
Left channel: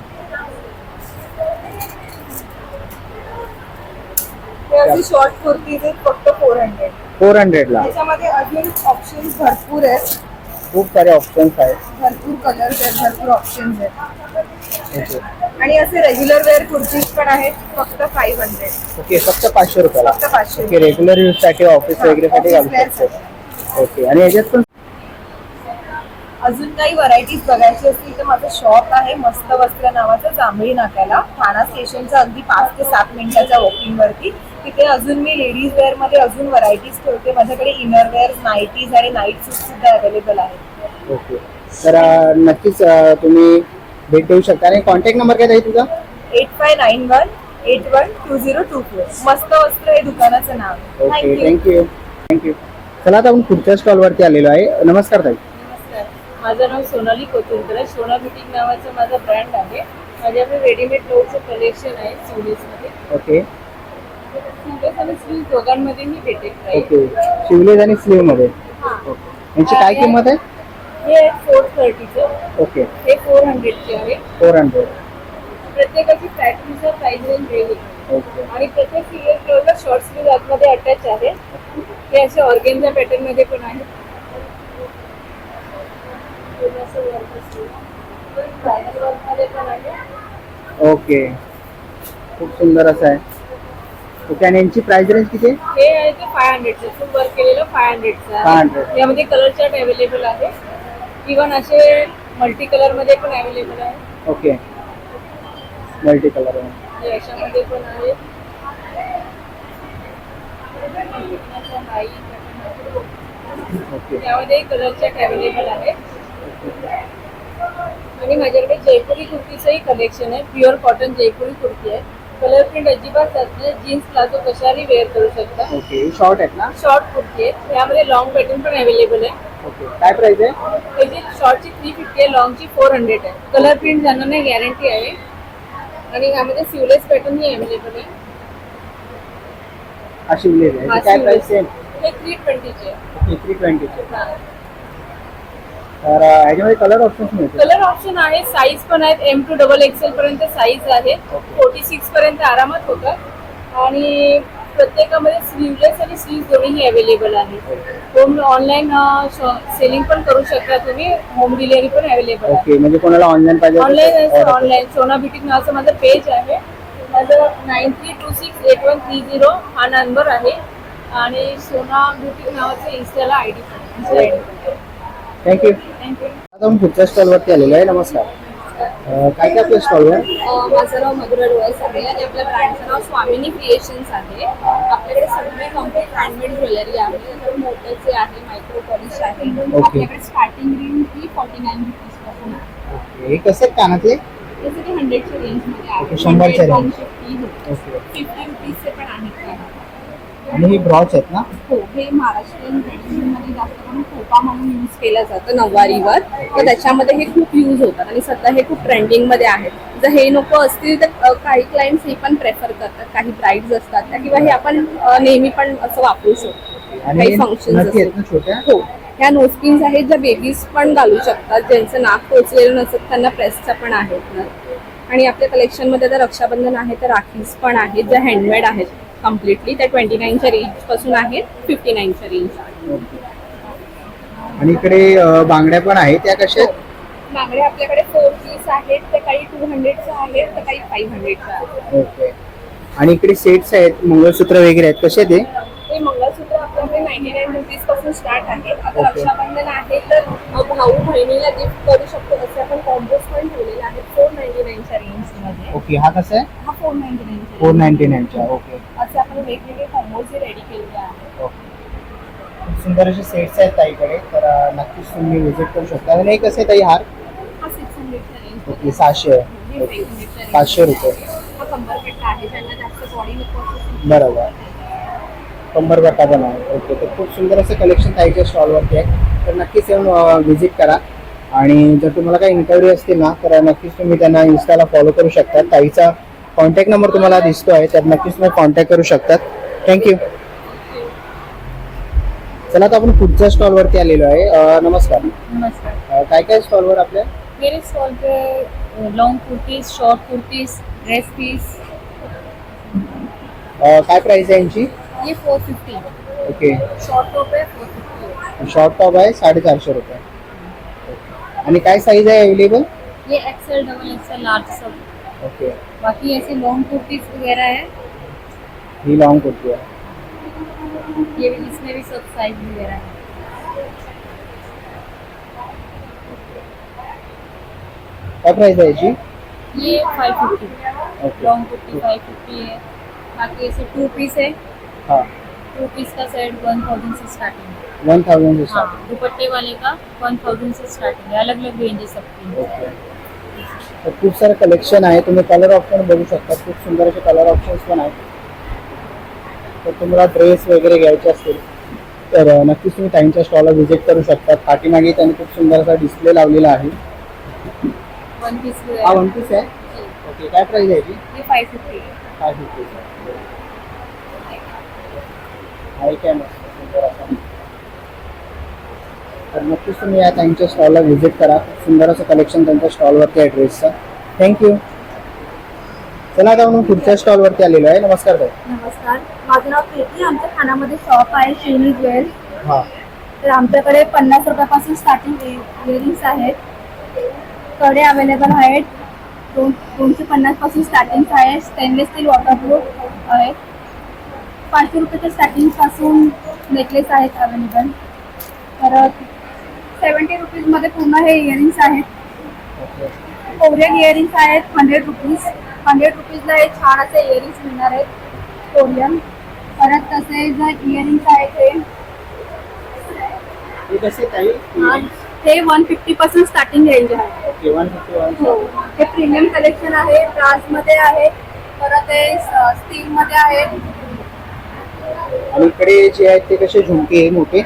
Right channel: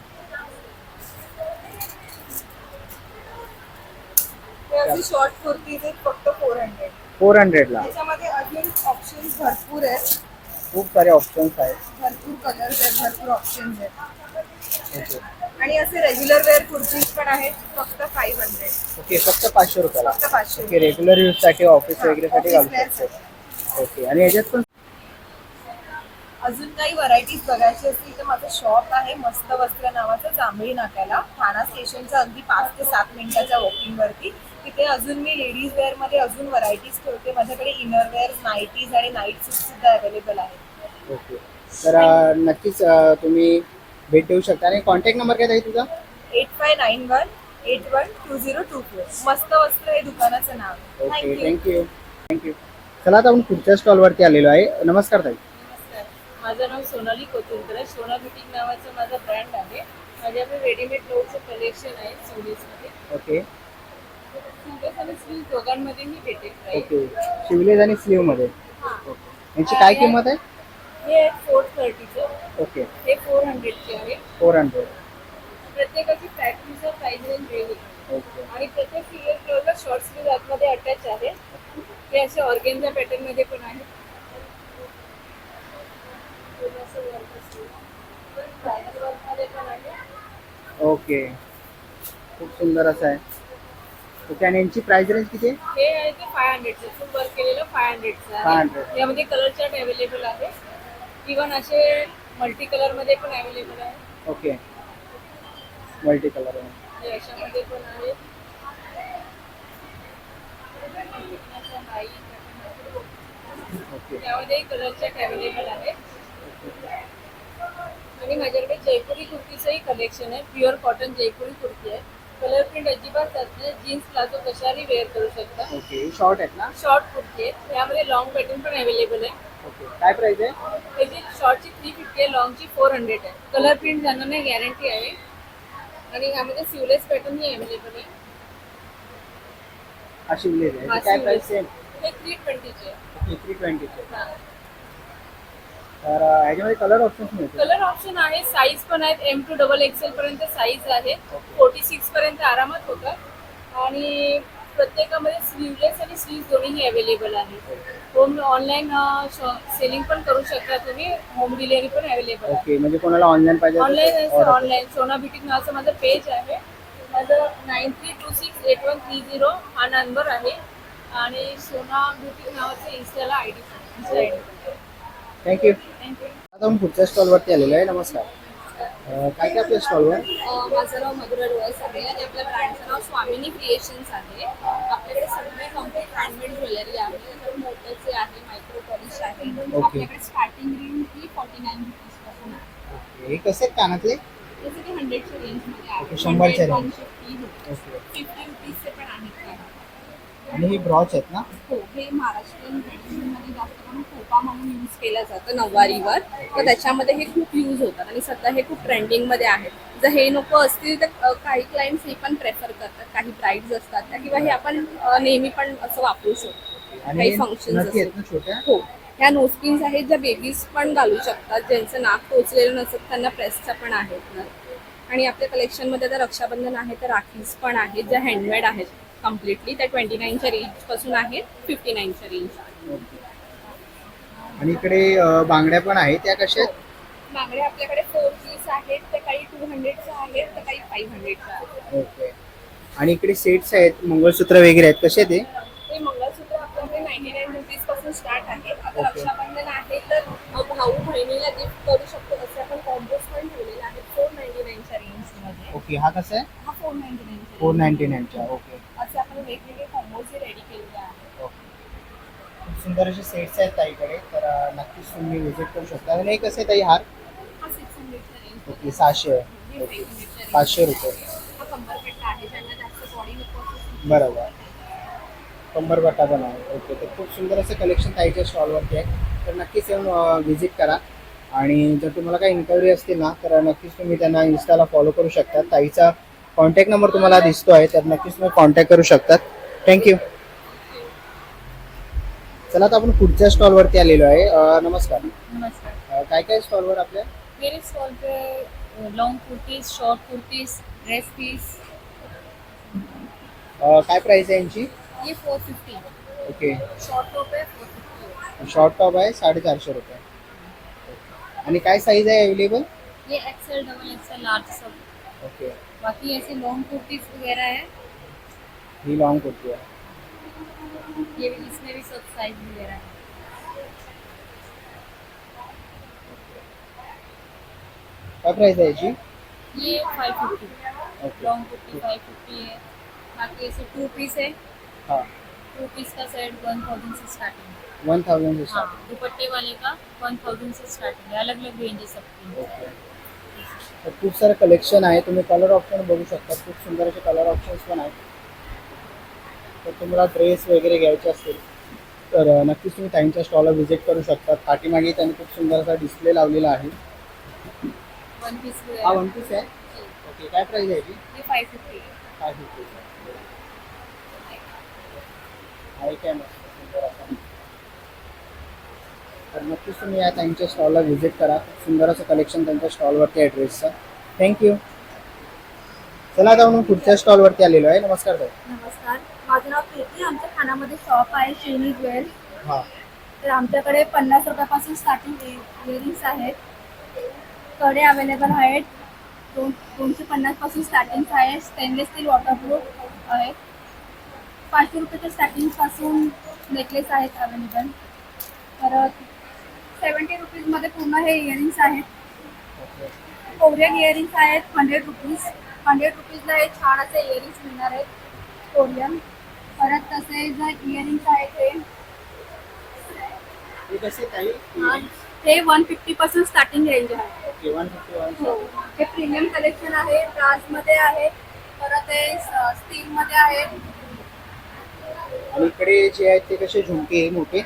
H: हे असे शॉर्ट कुर्तीज आहेत फक्त फोर हंड्रेड
B: फोर हंड्रेडला
H: त्याच्यामध्ये अजून ऑप्शन्स भरपूर आहेत.
B: खूप सारे ऑप्शन्स आहेत.
H: भरपूर कलर्स आहेत भरपूर ऑप्शन्स आहेत.
B: ओके
H: आणि असे रेग्युलर वेअर कुर्तीज पण आहेत फक्त फाईव्ह हंड्रेड
B: ओके फक्त पाचशे रुपयाला.
H: फक्त पाचशे
B: ओके रेग्युलर यूजसाठी ऑफिस वगैरेसाठी घालू
H: Office wear
B: शकतो. ओके आणि याच्यात पण
H: अजून काही व्हरायटीज बघायची असतील तर माझं शॉप आहे मस्त वस्त्र नावाचं जांभळी नाक्याला. ठाणा स्टेशनच्या अगदी पाच ते सात मिनिटाच्या वॉकिंग वरती. तिथे अजून मी लेडीज वेअरमध्ये अजून व्हरायटीज ठेवते. माझ्याकडे इनर वेअर नाईटीज आणि नाईट सूट सुद्धा अवेलेबल आहेत.
B: ओके. तर नक्कीच तुम्ही भेट देऊ शकता. आणि कॉन्टॅक्ट नंबर काय आहे तुझा
H: eight five nine one eight one two zero two four मस्त वस्त्र हे दुकानाचं नाव.
B: ओके
H: थँक्यू
B: थँक्यू चला आता आपण पुढच्या स्टॉल वरती आलेलो आहे. नमस्कार ताई.
E: नमस्कार. माझं नाव सोनाली कोथिंकर आहे सोना बुटीक नावाचं माझं ब्रँड आहे. माझ्याकडे रेडीमेड क्लोथचं कलेक्शन आहे सिवलेसमध्ये
B: ओके.
E: आणि स्लीव दोघांमध्ये मी भेटेल
B: ओके. शिवलेज आणि स्लीवमध्ये
E: हां
B: यांची काय किंमत आहे?
E: हे आहे फोर थर्टीचं
B: ओके.
E: हे फोर हंड्रेडचे आहे.
B: फोर हंड्रेड
E: प्रत्येकाची फॅक्टरीचं प्राईस रेंज वेगळी
B: ओके.
E: आणि प्रत्येक सिरियल फ्लोअरला शॉर्ट स्लीव आतमध्ये अटॅच आहे. ते असे ऑर्गेनच्या पॅटर्नमध्ये पण आहे पूर्ण असं work असतं. Bridal work मध्ये पण आहे.
B: ओके. खूप सुंदर असं आहे. ओके आणि यांची प्राइस रेंज किती आहे?
E: हे आहे ते फाय हंड्रेडचं फुल वर्क केलेलं फाय हंड्रेडचं
B: 500.
E: आहे. यामध्ये कलर चार्ट अवेलेबल आहे. इवन असे मल्टी कलरमध्ये पण अवेलेबल आहे.
B: ओके मल्टी कलर
E: हे अशामध्ये पण आहे.
B: ओके
E: त्यामध्ये कलर चार्ट अवेलेबल आहे. आणि माझ्याकडे जयपुरी कुर्तीचंही कलेक्शन आहे. प्युअर कॉटन जयपुरी कुर्ती आहे. कलर प्रिंट अजिबात जात नाही. जीन्स प्लाझो कशाही वेअर करू शकता.
B: ओके शॉर्ट आहेत ना?
E: शॉर्ट कुर्ती आहे त्यामध्ये लॉंग पॅटर्न पण अवेलेबल आहे.
B: ओके काय प्राइस आहे?
E: त्याची शॉर्टची थ्री फिफ्टी आहे लॉंगची फोर हंड्रेड आहे. कलर प्रिंट जाणार नाही गॅरंटी आहे. आणि यामध्ये सिवलेस पॅटर्नही अवेलेबल आहे.
B: हा शिवलेज आहे.
E: हा
B: काय. प्राइस सेम
E: हे थ्री ट्वेंटीचे आहे.
B: थ्री ट्वेंटीचे
E: हा.
B: तर ह्याच्यामध्ये कलर ऑप्शन्स
E: कलर ऑप्शन आहे साईज पण आहेत एम टू डबल एक्सेल पर्यंत साईज आहे. फोर्टी सिक्स पर्यंत आरामात होतात आणि प्रत्येकामध्ये स्लीवलेस आणि स्लीव दोन्हीही अवेलेबल आहे. होम ऑनलाईन सेलिंग पण करू शकता तुम्ही. होम डिलिव्हरी पण अवेलेबल आहे.
B: ओके म्हणजे कोणाला ऑनलाईन पाहिजे
E: ऑनलाईन ऑनलाईन सोना ब्युटीक नावाचं माझं पेज आहे. माझं nine three two six eight one three zero हा नंबर आहे. आणि सोना ब्युटीक नावाचं इन्स्टाला आय डी पण आहे.
B: थँक्यू
E: थँक्यू
B: आता आपण पुढच्या स्टॉल वरती आलेलो आहे. नमस्कार. अं, काय काय आपल्या स्टॉलवर
G: अ, माझं नाव मधुरा डोळस आहे आणि आपल्या ब्रँडचं नाव स्वामिनी क्रिएशन्स आहे. आपल्याकडे सगळे कंप्लीट हँडमेड ज्वेलरी आहे. तर मोत्याचे आहे मायक्रो पॉलिश आहे.
B: Okay.
G: आपल्याकडे स्टार्टिंग रेंज ही
E: फॉर्टी नाईन रुपीजपासून आहे.
B: ओके हे कसे कानातले?
E: हे सगळे हंड्रेडच्या रेंजमध्ये
B: ओके,
E: आहे.
B: शंभरच्या range.
E: One fifty
B: okay
E: fifty रुपीजचे पण आहेत.
B: आणि हे ब्रॉच आहेत ना?
E: हो हे महाराष्ट्रीयन ट्रेडिशनमध्ये जास्त करून खोपा म्हणून यूज केलं जातं नऊवारीवर. तर त्याच्यामध्ये हे खूप यूज होतात आणि सध्या हे खूप ट्रेंडिंगमध्ये आहेत. जर हे नको असतील तर काही क्लायंट्स हे पण प्रेफर करतात. काही ब्राईड्स असतात त्या किंवा हे आपण नेहमी पण असं वापरू शकतो. काही फंक्शन
B: छोट्या?
E: हो. ह्या नोस्किन्स आहेत ज्या बेबीज पण घालू शकतात ज्यांचं नाक टोचलेलं नसत त्यांना प्रेसच्या पण आहेत. आणि आपल्या कलेक्शनमध्ये आता रक्षाबंधन आहे तर राखीज पण आहेत ज्या हँडमेड आहेत. कम्प्लिटली त्या ट्वेंटी नाईनच्या रेंजपासून आहेत फिफ्टी नाईनच्या रेंज
B: आणि इकडे अं, बांगड्या पण आहेत त्या कशा आहेत?
E: मागडे आपल्याकडे फोर पीस आहेत तर काही टू हंड्रेडच्या आहेत तर काही फाईव्ह हंड्रेडच्या आहेत.
B: ओके. आणि इकडे सेट्स आहेत मंगळसूत्र वगैरे आहेत. कसे ते?
E: हे मंगळसूत्र आपल्याकडे नाईन्टी नाईन रुपीजपासून स्टार्ट आहे. आता
B: Okay.
E: रक्षाबंधन आहे तर अ, भाऊ बहिणीला गिफ्ट करू शकतो असे आपण कॉम्बोज पण ठेवलेले आहेत फोर नाईन्टी नाईनच्या रेंजमध्ये
B: ओके. हा कसा आहे?
E: हा फोर नाईन्टी नाईनच्या
B: फोर नाईन्टी नाईनच्या ओके
E: असे आपण वेगवेगळे कॉम्बोज रेडी केलेले आहेत
B: ओके खूप सुंदर असे सेट्स आहेत ताईकडे तर नक्कीच तुम्ही विजिट करू शकता. आणि हे कसे ताई हार? ओके सहाशे. पाचशे रुपये.
E: कंबरपेट्टा
B: बरोबर. कंबर बट्टा पण आहे. ओके तर खूप सुंदर असं कलेक्शन ताईच्या स्टॉलवरती आहे. तर नक्कीच येऊन व्हिजिट करा. आणि जर तुम्हाला काही इन्क्वायरी असतील ना तर नक्कीच तुम्ही त्यांना इन्स्टाला फॉलो करू शकता. ताईचा कॉन्टॅक्ट नंबर तुम्हाला दिसतो आहे तर नक्कीच तुम्ही कॉन्टॅक्ट करू शकतात थँक्यू चला आता आपण पुढच्या स्टॉलवरती आलेलो आहे. अं, नमस्कार.
E: नमस्कार.
B: अं, काय काय स्टॉलवर आपल्या?
E: मेरे स्टॉल पे long kurtis short kurtis dress piece
B: uh, काय प्राइस आहे यांची?
E: ये four fifty
B: okay
E: short top है फोर फिफ्टी
B: शॉर्ट टॉप आहे साडेचारशे रुपये. आणि काय साईज आहे अवेलेबल
E: ये एक्सेल डबल एक्सेल लार्ज सब.
B: ओके
E: बाकी ऐसे लॉन्ग कुर्तीज वगैरह है।
B: ही लॉंग कुर्ती आहे.
E: ये भी इसमें भी सब साइज वगैरह है।
B: काय प्राइस आहे याची
E: ये five fifty long kurti five fifty है। बाकी ऐसे टू पीस है।
B: हां।
E: टू पीस का सेट वन थाउजेंड से स्टार्टिंग है।
B: वन थाउजंड
E: हाँ दुपट्टे वाले का वन थाउजेंड से स्टार्टिंग है। अलग अलग रेंज है। सबकी
B: खूप सारं कलेक्शन आहे तुम्ही कलर ऑप्शन बघू शकता खूप सुंदर असे कलर ऑप्शन्स पण आहेत. तर तुम्हाला ड्रेस वगैरे घ्यायचे असतील तर नक्कीच तुम्ही त्यांच्या स्टॉलला व्हिजिट करू शकता. पाठीमागे त्यांनी खूप सुंदर असा डिस्प्ले लावलेला आहे.
E: वन पीस
B: हा वन पीस आहे? ओके काय प्राइस आहे याची
E: ये फाइव फिफ्टी है
B: काय फिफ्टी आहे काय मस्त सुंदर असा. तर नक्कीच तुम्ही या त्यांच्या स्टॉलला व्हिजिट करा. खूप सुंदर असं कलेक्शन त्यांच्या स्टॉलवरती आहे ड्रेसचं थँक्यू चला आता म्हणून पुढच्या स्टॉलवरती आलेलो आहे. नमस्कार ताई.
I: नमस्कार. माझं नाव प्रीती. आमच्या खानामध्ये शॉप आहे श्रीनी ज्वेल
B: हां.
I: तर आमच्याकडे पन्नास रुपयापासून स्टार्टिंग इयरिंग्स आहेत. कडे अवेलेबल आहेत. दोन दोनशे पन्नासपासून स्टार्टिंग आहे. स्टेनलेस स्टील वॉटरप्रूफ आहेत पाचशे रुपयाच्या स्टार्टिंगपासून नेकलेस आहेत अवेलेबल परत सेवन्टी रुपीजमध्ये पूर्ण हे इयरिंग्स आहेत. कोरियन इयरिंग्स आहेत हंड्रेड रुपीज हंड्रेड रुपीजला हे छान असे इयरिंग्स मिळणार आहेत. कोरियन. परत तसे जर इयरिंग्स आहेत हे
B: हे कसे
I: हा, हे वन फिफ्टी पासून स्टार्टिंग रेंज आहे.
B: ओके वन फिफ्टी वन
I: हो. हे प्रीमियम कलेक्शन आहे ब्रासमध्ये आहे परत हे स्टील मध्ये आहे.
B: आणि इकडे जे आहेत ते कसे झुमके आहे मोठे?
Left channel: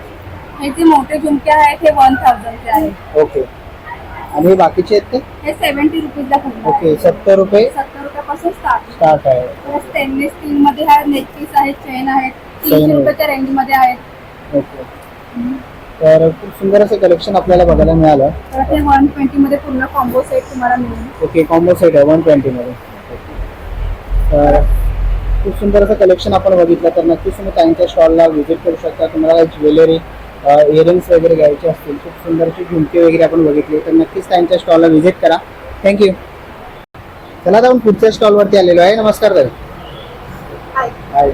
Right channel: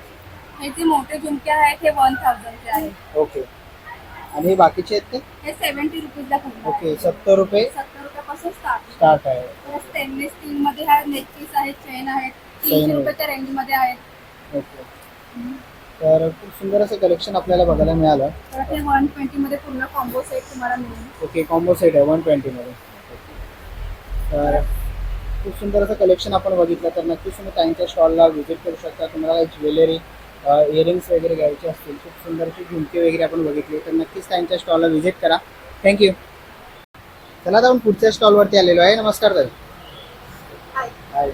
I: हे जे मोठे झुमके आहेत हे वन थाउजंडचे आहेत
B: ओके आणि हे बाकीचे आहेत ते?
I: हे सेव्हन्टी रुपीजला
B: ओके सत्तर रुपये.
I: सत्तर रुपयापासून स्टार्ट
B: स्टार्ट आहे.
I: परत स्टेनलेस स्टील मध्ये आहे नेकपीस आहेत चेन आहेत तीनशे
B: आहे.
I: रुपयाच्या रेंजमध्ये आहेत.
B: ओके तर खूप सुंदर असं कलेक्शन आपल्याला बघायला मिळालं.
I: परत हे वन ट्वेंटी मध्ये पूर्ण कॉम्बो सेट तुम्हाला मिळेल.
B: ओके कॉम्बो सेट आहे वन ट्वेंटीमध्ये तर खूप सुंदर असं कलेक्शन आपण बघितलं तर नक्कीच तुम्ही त्यांच्या स्टॉलला व्हिजिट करू शकता. तुम्हाला ज्वेलरी इयरिंग्स वगैरे घ्यायचे असतील खूप सुंदर अशी झुमके वगैरे आपण बघितले तर नक्कीच त्यांच्या स्टॉलला व्हिजिट करा. थँक्यू चला आता आपण पुढच्या स्टॉलवरती आलेलो आहे. नमस्कार ताई
H: हाय
B: हाय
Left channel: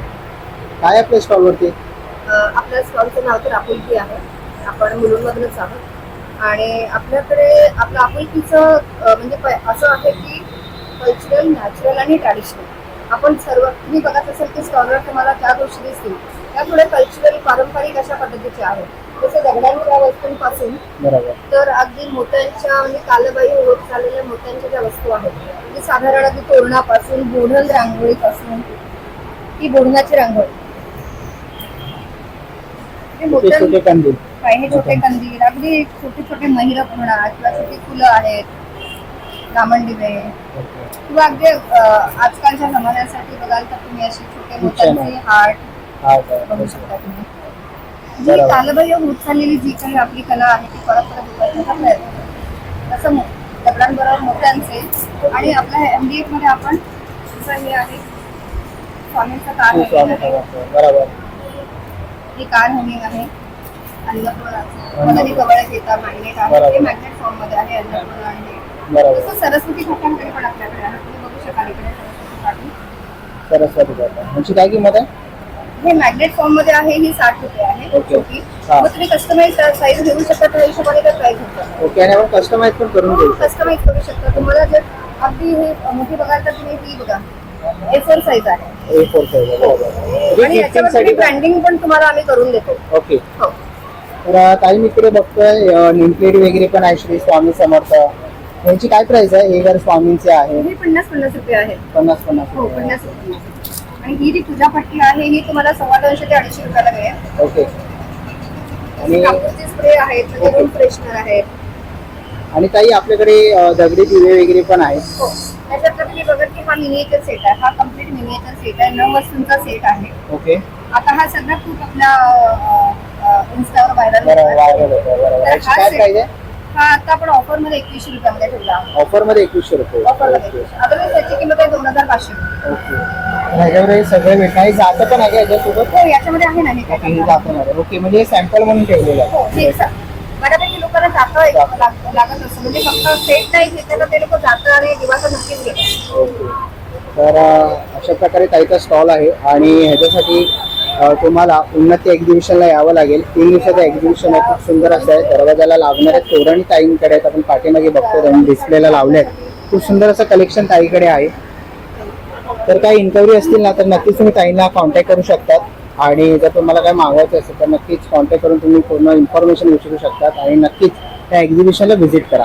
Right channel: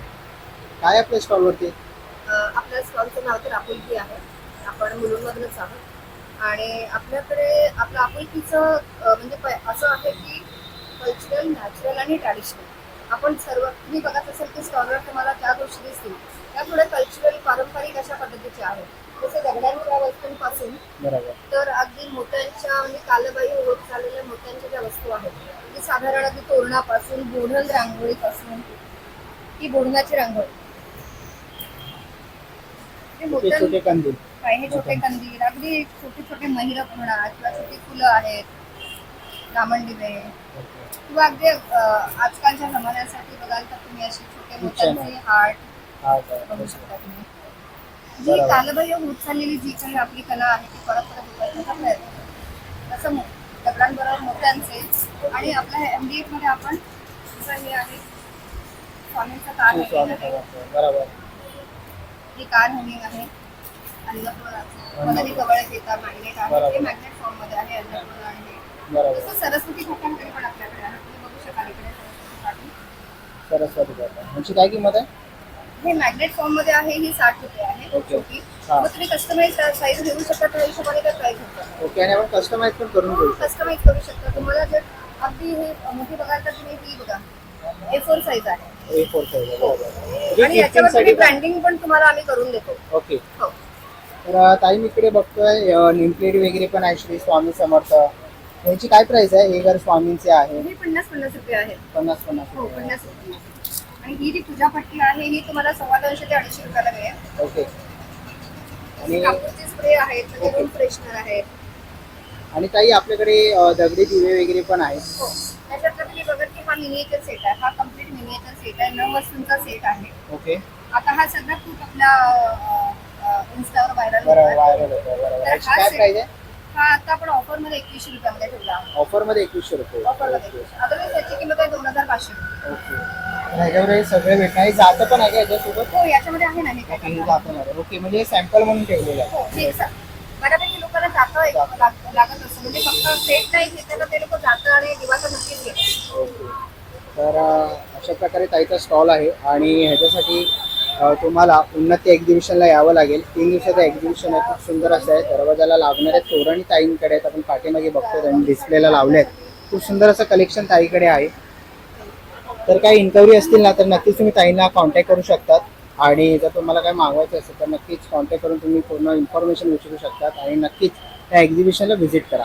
B: काय आपल्या स्टॉलवरती
H: अ, आपल्या स्टॉलचं नाव तर आपुलकी आहे. आपण मुलुंडमधूनच आहोत. आणि आपल्याकडे आपलं आपुलकीचं म्हणजे असं आहे की कल्चरल नॅचरल आणि ट्रॅडिशनल आपण सर्व तुम्ही बघत असाल की स्टॉलवर तुम्हाला त्या गोष्टी दिसतील. त्या थोड्या कल्चरल पारंपरिक अशा पद्धतीच्या आहेत. तसं दगडांच्या वस्तूंपासून
B: बरोबर.
H: तर अगदी मोत्यांच्या म्हणजे कालबाई होत चाललेल्या मोत्यांच्या ज्या वस्तू आहेत म्हणजे साधारण अगदी तोरणापासून बोढण रांगोळीपासून ही बोढणाची रांगोळी. हे
B: छोटे
H: मोत्यां-
B: छोटे कंदील.
H: काय हे छोटे कंदील. अगदी छोटे छोटे महिरप म्हणा किंवा छोटी फुलं आहेत लामणदिवे किंवा अगदी आजकालच्या जमान्यासाठी बघाल तर तुम्ही असे छोटे मोत्यांचे हार्ट. बघू शकता तुम्ही. जी. कालबाह्य होत चाललेली जी काही आपली कला आहे ती परत परत उतरण्याचा प्रयत्न. तसं दगडांबरोबर मोत्यांचे आणि आपल्या एमडीएफमध्ये आपण जसं हे आहे स्वामींचं कार हे कार हँगिंग आहे अन्नपूर्णाचं मदनी कवळ घेता मॅग्नेट आहे. ते मॅग्नेट फॉर्ममध्ये आहे अन्नपूर्णा आहे तसं सरस्वती घाटांकडे पण आपल्याकडे आहे तुम्ही बघू शकाल इकडे सरस्वती घाट.
B: सरस्वती काय किंमत आहे
H: हे मॅग्नेट फॉर्ममध्ये आहे ही साठ रुपये आहे
B: ओके.
H: छोटी.
B: हा.
H: मग तुम्ही कस्टमाइज साईज घेऊ शकता त्या हिशोबाने तर प्राइस
B: ओके आणि आपण कस्टमाइज पण करून घेऊ शकतो.
H: कस्टमाइज करू शकता. तुम्हाला जर अगदी हे मोठी बघाल तर तुम्ही ती बघा. ए फोर साईज आहे.
B: ए फोर साईज
H: आणि याच्यावरती ब्रँडिंग पण तुम्हाला आम्ही करून देतो.
B: ओके
H: हो.
B: तर अं, ताई मी इकडे बघतोय नेमप्लेट वगैरे पण आहे श्री स्वामी समर्थ. ह्याची काय प्राइस आहे? हे जर स्वामींचे आहे.
H: हे पन्नास पन्नास रुपये आहेत
B: पन्नास पन्नास
H: हो
B: रुपये.
H: पन्नास रुपये आणि ही जी पूजा पट्टी आहे ही तुम्हाला सव्वा दोनशे ते अडीचशे रुपयाला मिळेल.
B: ओके. आणि
H: कापूरचे स्प्रे आहेत म्हणजे रूम फ्रेशनर आहेत.
B: आणि ताई आपल्याकडे अं, दगडी दिवे वगैरे पण आहेत.
H: हो. त्याच्यातलं तुम्ही बघत की हा मिनिएचर सेट आहे. हा कंप्लीट मिनिएचर सेट आहे. नऊ वस्तूंचा सेट आहे.
B: ओके.
H: आता हा सगळा खूप आपल्या इन्स्टावर व्हायरल
B: व्हायरल होतं बरोबर ह्याची काय प्राइस आहे?
H: हा आता आपण ऑफरमध्ये एकवीसशे रुपयामध्ये ठेवला
B: ऑफरमध्ये एकवीसशे रुपये.
H: ऑफरमध्ये त्याची किंमत आहे दोन हजार पाचशे. रुपये
B: ओके. ह्याच्यावर हे सगळे हे जातं पण आहे का याच्यासोबत?
H: हो याच्यामध्ये आहे ना हे
B: हे
H: काय
B: जातं मध्ये ओके म्हणजे हे सॅम्पल म्हणून ठेवलेलं आहे.
H: हो हे सा- बऱ्यापैकी लोकांना जातं एक लाग- लागत असतं म्हणजे फक्त सेट नाही घेतलं तर ते लोक जातं आणि दिवासा नक्कीच घेतात.
B: ओके. तर अं, अशा प्रकारे ताईचा स्टॉल आहे. आणि ह्याच्यासाठी तुम्हाला उन्नती एक्झिबिशनला यावं लागेल. तीन दिवसाचं एक्झिबिशन आहे खूप सुंदर असं आहे. दरवाजाला लागणाऱ्या तोरण ताईंकडे आहेत. आपण पाठीमागे बघतो त्यांनी डिस्प्लेला लावले आहेत. खूप सुंदर असं कलेक्शन ताईकडे आहे. तर काही इन्क्वायरी असतील ना तर नक्कीच तुम्ही ताईंना कॉन्टॅक्ट करू शकतात. आणि जर तुम्हाला काय मागवायचं असेल तर नक्कीच कॉन्टॅक्ट करून तुम्ही पूर्ण इन्फॉर्मेशन विचारू शकतात. आणि नक्कीच त्या एक्झिबिशनला व्हिजिट करा.